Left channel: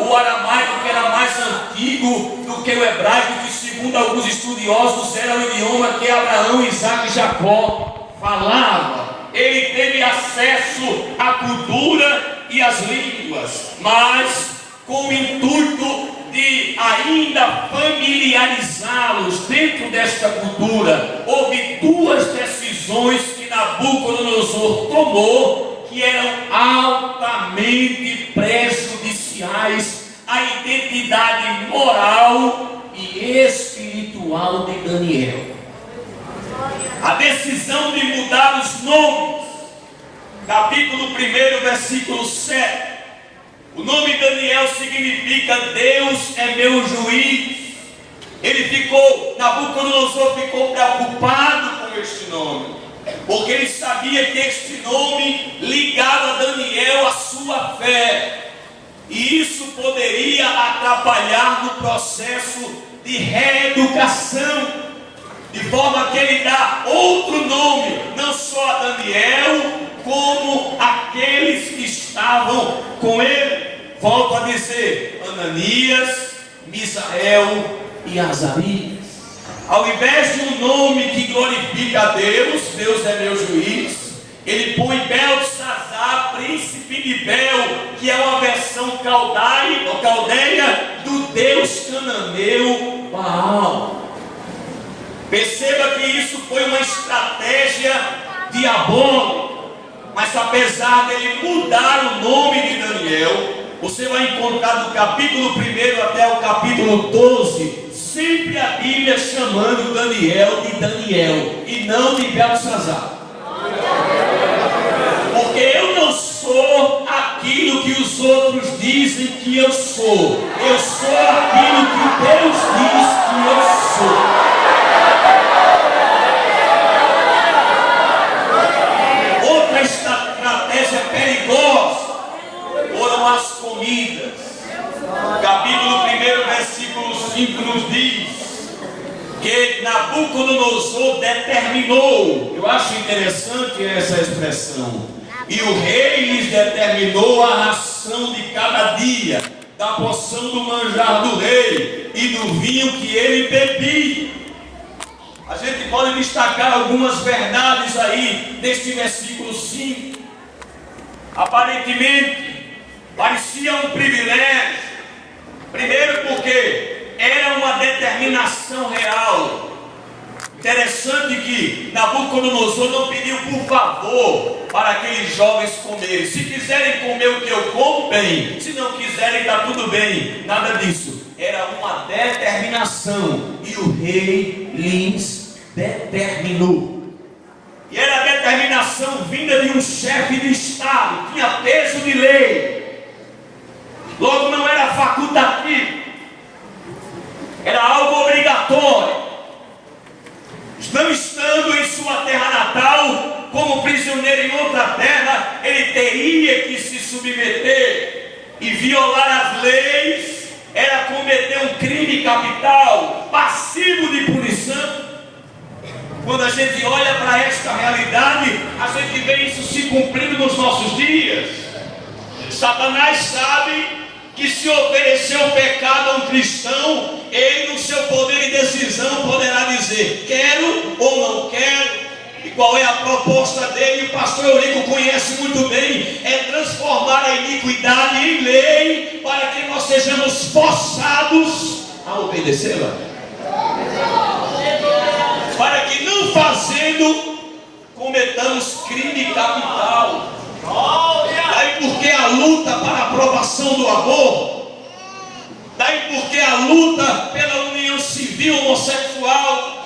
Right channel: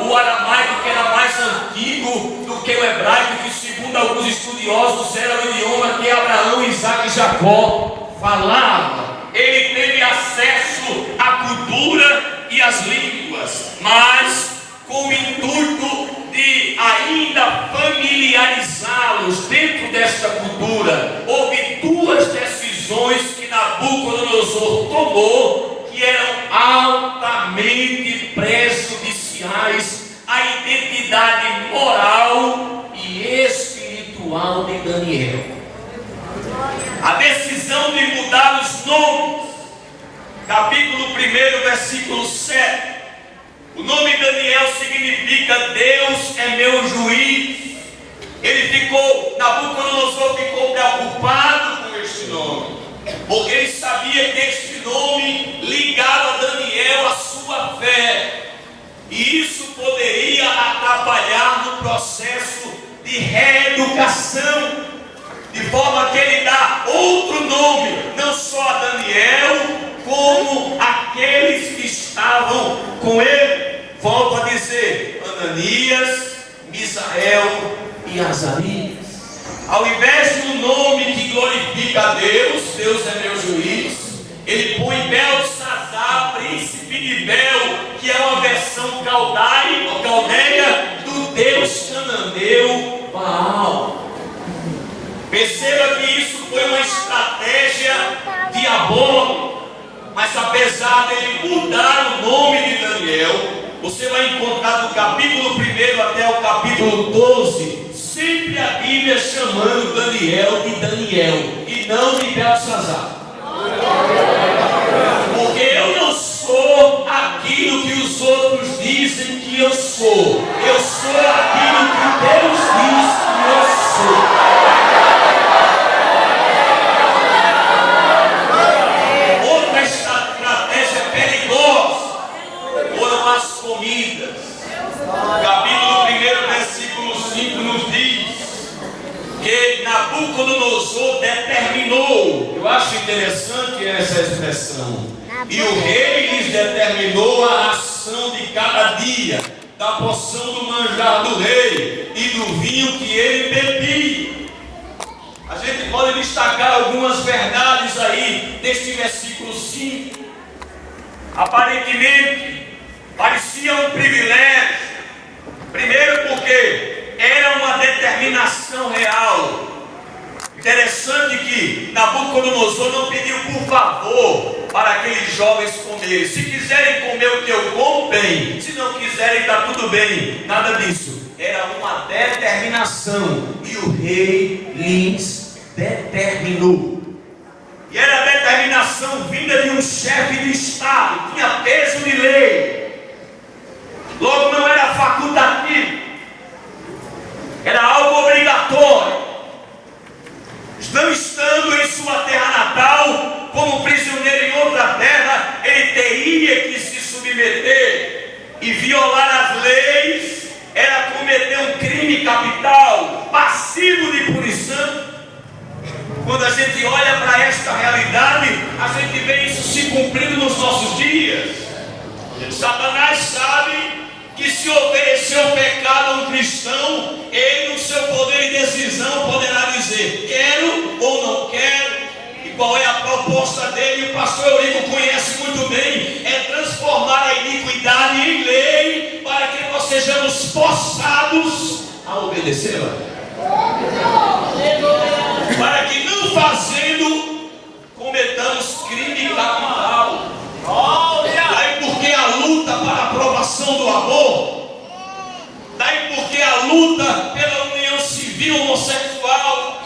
o aramaico, que era mais antigo do que o hebraico, que segundo alguns estudiosos era o idioma que Abraão, Isaac e Jacó falavam. Ele teve acesso à cultura e às línguas, mas com o intuito de ainda familiarizá-los dentro desta cultura, houve duas decisões que Nabucodonosor tomou, que eram altamente prejudiciais à identidade moral e espiritual de Daniel. A decisão de mudar os nomes, capítulo 1, versículo 7. O nome Daniel significa Deus é meu juiz. Nabucodonosor ficou preocupado com este nome, porque ele sabia que este nome ligava Daniel à sua fé, e isso poderia atrapalhar no processo de reeducação, de forma que ele dá outro nome, não só a Daniel, como aqueles que estavam com ele. Volto a dizer, Ananias, Misael e Azarias. Ao invés de um nome que glorifica a Deus, Deus é meu juiz, ele põe Beltesazar, príncipe de Bel, que é uma versão caldeia do Deus cananeu Baal. Perceba que isso foi uma estratégia diabólica, mas apesar dele mudar o nome de Daniel, você vai encontrar do capítulo 1 até o capítulo 12, sempre a Bíblia chamando Daniel de Daniel e não de Beltesazar. Porque eu não sou aquilo que os outros dizem que eu sou. Eu sou aquilo que Deus diz que eu sou. Foram as comidas. Capítulo 1, versículo 5 nos diz que Nabucodonosor determinou. Eu acho interessante essa expressão. E o rei lhes determinou a ração de cada dia, da porção do manjar do rei e do vinho que ele bebia. A gente pode destacar algumas verdades aí deste versículo 5. Aparentemente parecia um privilégio, primeiro porque era uma determinação real. Interessante que Nabucodonosor não pediu por favor para aqueles jovens comerem. Se quiserem comer o que eu como, bem. Se não quiserem, está tudo bem. Nada disso. Era uma determinação e o rei lhes determinou. E era a determinação vinda de um chefe de Estado, tinha peso de lei. Logo não era facultativo, era algo obrigatório. Não estando em sua terra natal, como prisioneiro em outra terra, ele teria que se submeter e violar as leis. Era cometer um crime capital, passivo de punição. Quando a gente olha para esta realidade, a gente vê isso se cumprindo nos nossos dias. Satanás sabe que se oferecer o pecado a um cristão, ele no seu poder de decisão poderá dizer quero ou não quero. E qual é a proposta dele? O pastor Eurico conhece muito bem. É transformar a iniquidade em lei, para que nós sejamos forçados a obedecê-la, para que não fazendo cometamos crime capital. Daí porque a luta para a aprovação do aborto, daí porque a luta pela união civil homossexual,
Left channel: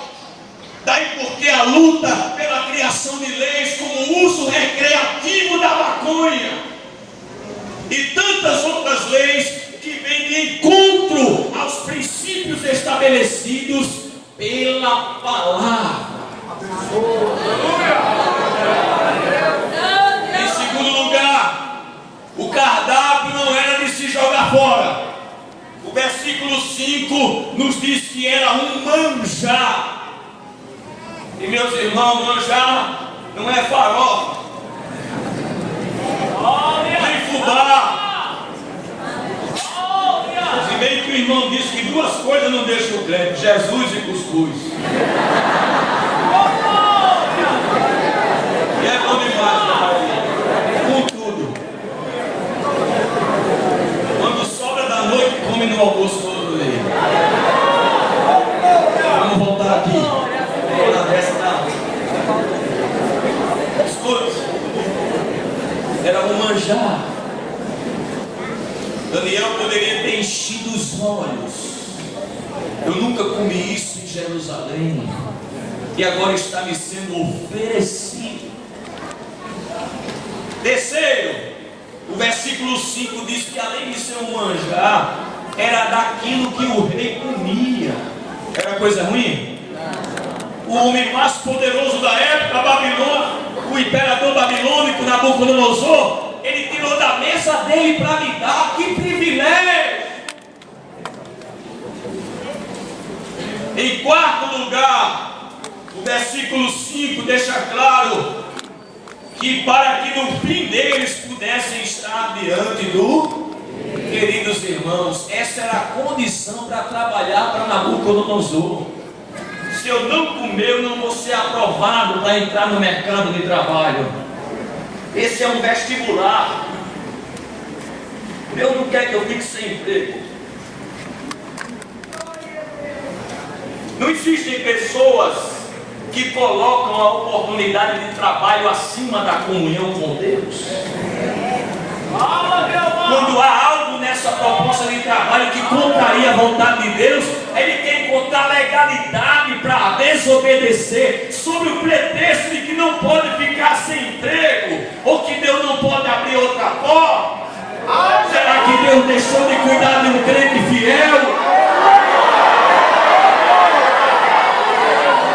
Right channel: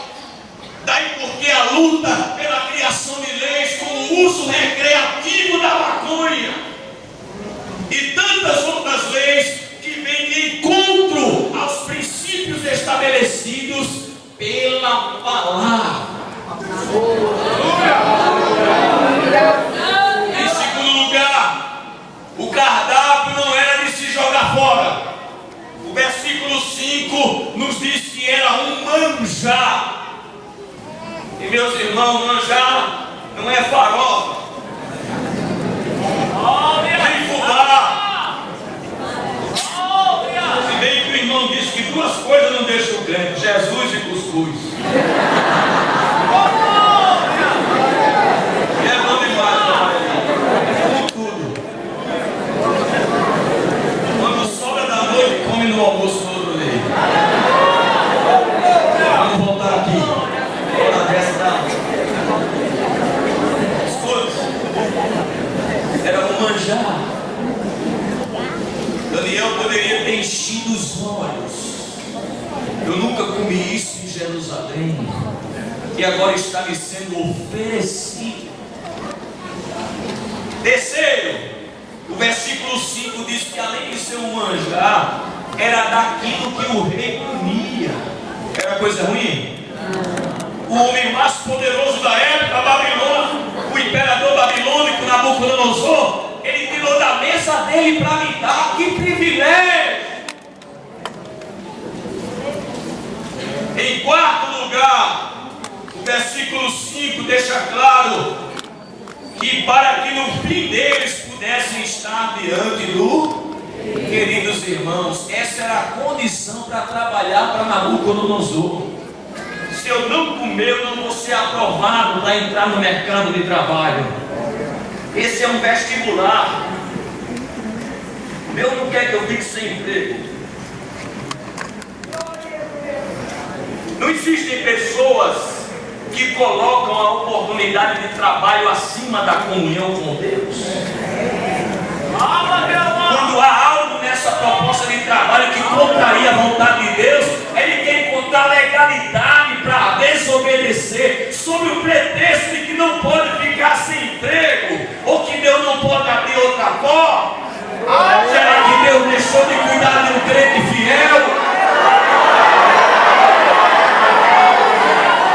daí porque a luta pela criação de leis como o uso recreativo da maconha e tantas outras leis que vêm de encontro aos princípios estabelecidos pela palavra. Em segundo lugar, o cardápio não era de se jogar fora. O versículo 5 nos diz que era um manjar. E meus irmãos, manjar não é farofa, nem fubá, duas coisas não deixam o crente: Jesus e cuscuz. E é bom demais trabalhar ali, com tudo. Quando sobra da noite, come no almoço no outro dia. Vamos voltar aqui. Na dessa da escute. Era um manjar. Daniel poderia ter enchido os olhos. Eu nunca comi isso em Jerusalém. E agora está me sendo oferecido. Terceiro, o versículo 5 diz que além de ser um manjar, era daquilo que o rei comia. Era coisa ruim? O homem mais poderoso da época, Babilônia, o imperador babilônico Nabucodonosor, ele tirou da mesa dele para me dar. Que privilégio! Em quarto lugar, o versículo 5 deixa claro que para que no fim deles pudessem estar diante do... Queridos irmãos, essa era a condição para trabalhar para Nabucodonosor. Se eu não comer, eu não vou ser aprovado para entrar no mercado de trabalho. Esse é um vestibular. Deus não quer que eu fique sem emprego. Não existem pessoas que colocam a oportunidade de trabalho acima da comunhão com Deus. Quando há algo nessa proposta de trabalho que contraria a vontade de Deus, ele quer encontrar legalidade para desobedecer, sob o pretexto de que não pode ficar sem emprego, ou que Deus não pode abrir outra porta. Será que Deus deixou de cuidar de um crente fiel?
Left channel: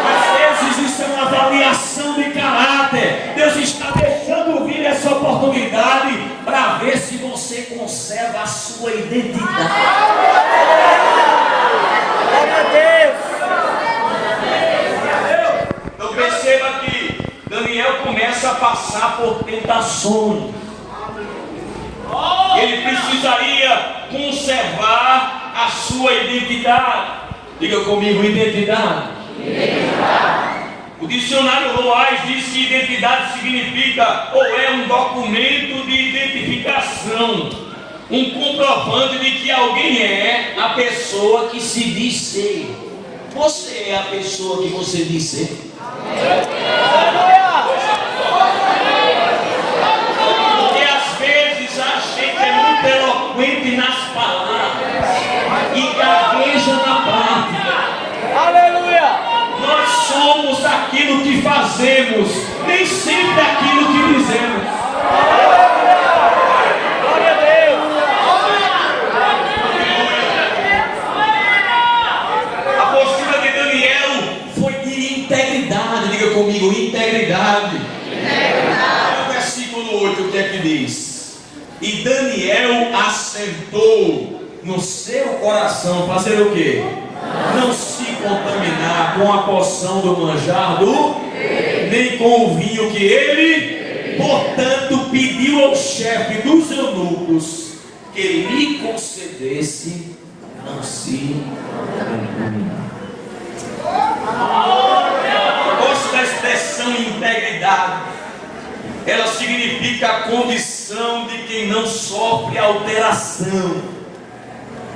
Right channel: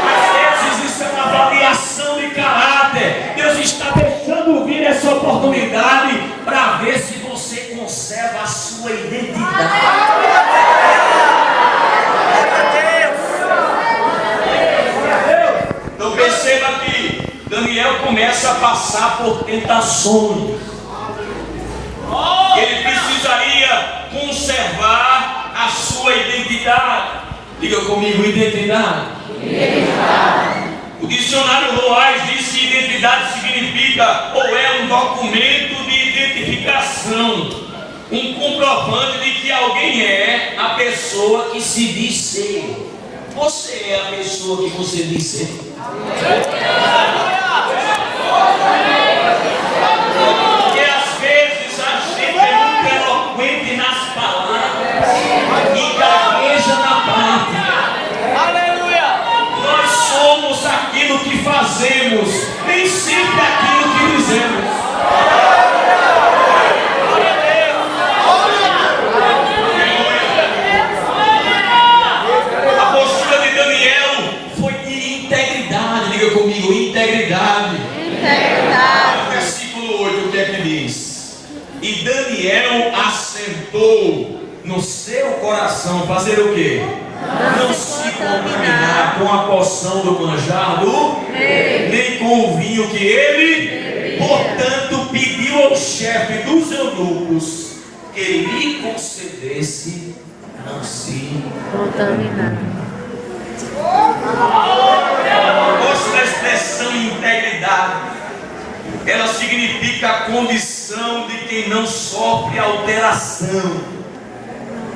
Às vezes isso é uma avaliação de caráter. Deus está deixando vir essa oportunidade para ver se você conserva a sua identidade. Então perceba que Daniel começa a passar por tentações. Ele precisaria conservar a sua identidade. Diga comigo, identidade. O dicionário Loais diz que identidade significa ou é um documento de identificação, um comprovante de que alguém é a pessoa que se diz ser. Você é a pessoa que você diz ser? Porque às vezes a gente é muito eloquente nas palavras e gagueja na prática. Nós somos aquilo que fazemos, nem sempre aquilo que dizemos. A postura de Daniel foi de integridade. Diga comigo, integridade. O versículo 8, o que é que diz? E Daniel assentou no seu coração fazer o quê? Não se contaminar com a porção do manjar do nem com o vinho que ele, portanto, pediu ao chefe dos eunucos que lhe concedesse não se contaminar. Gosto da expressão integridade. Ela significa a condição de quem não sofre alteração,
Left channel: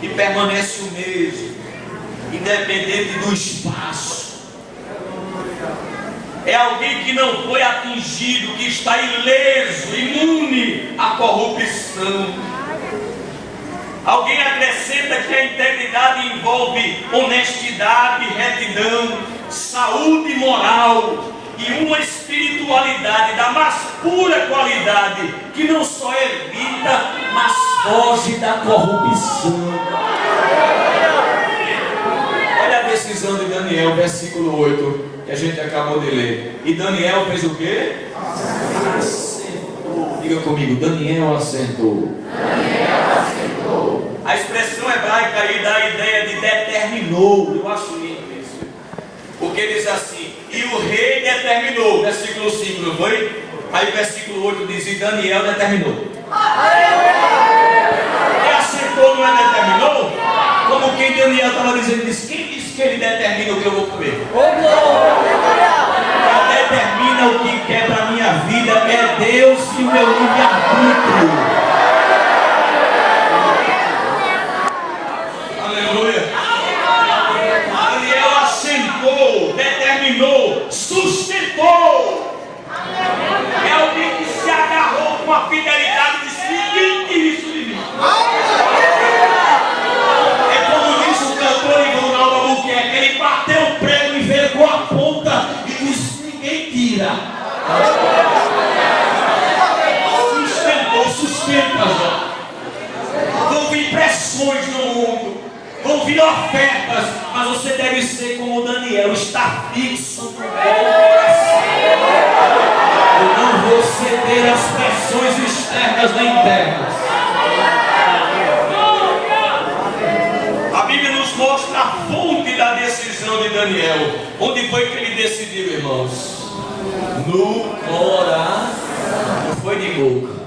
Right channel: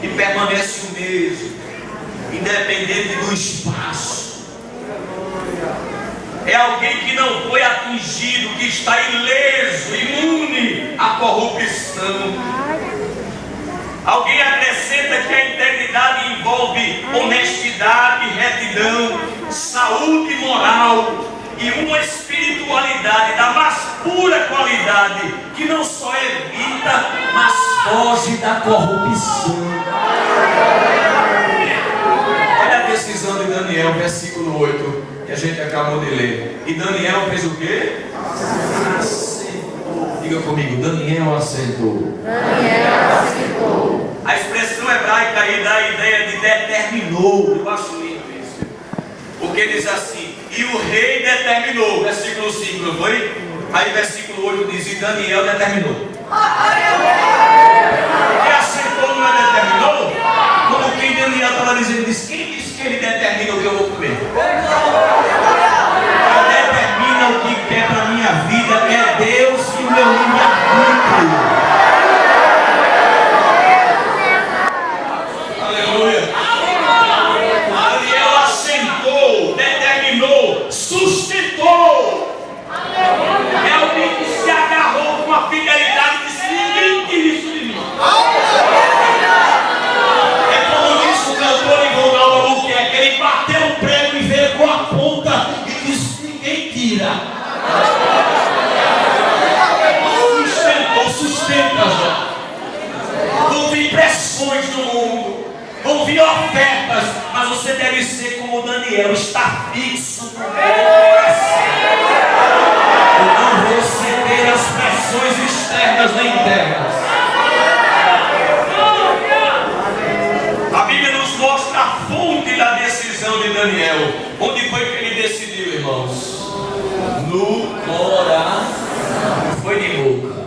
que permanece o mesmo, independente do espaço. É alguém que não foi atingido, que está ileso, imune à corrupção. Alguém acrescenta que a integridade envolve honestidade, retidão, saúde moral e uma espiritualidade da mais pura qualidade, que não só evita, mas foge da corrupção. Olha a decisão de Daniel, versículo 8, que a gente acabou de ler. E Daniel fez o quê? Assentou. Diga comigo, Daniel assentou. Daniel assentou. A expressão hebraica aí dá a ideia de determinou. Eu acho lindo isso. Porque diz assim, e o rei determinou, versículo 5, não foi? Aí versículo 8 diz, e Daniel determinou. E assentou não é determinou? Como quem Daniel está pressões no mundo, vão vir ofertas, mas você deve ser como Daniel, estar fixo no coração. Eu não vou ceder às pressões externas nem internas. A Bíblia nos mostra a fonte da decisão de Daniel. Onde foi que ele decidiu, irmãos? No coração. Não foi de boca.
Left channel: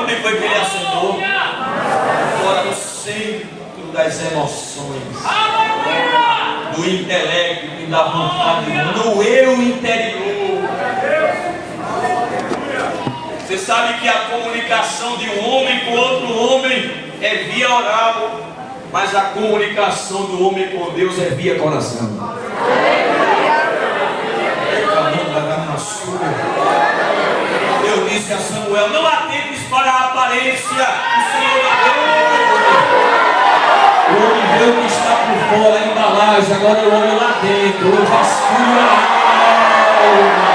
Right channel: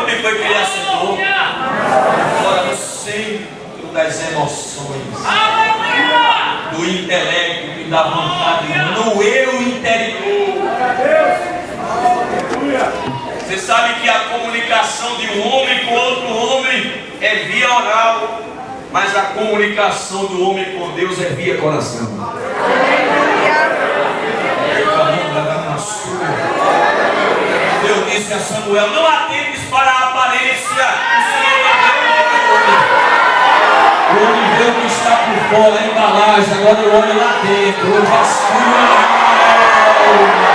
Onde foi que ele assentou? Fora no centro das emoções, do intelecto e da vontade, no eu interior. Você sabe que a comunicação de um homem com outro homem é via oral, mas a comunicação do homem com Deus é via coração. Deus disse a Samuel: não atentes para a aparência, o Senhor é o homem vê o que está por fora, a embalagem, agora o homem lá dentro, o vasculho a alma.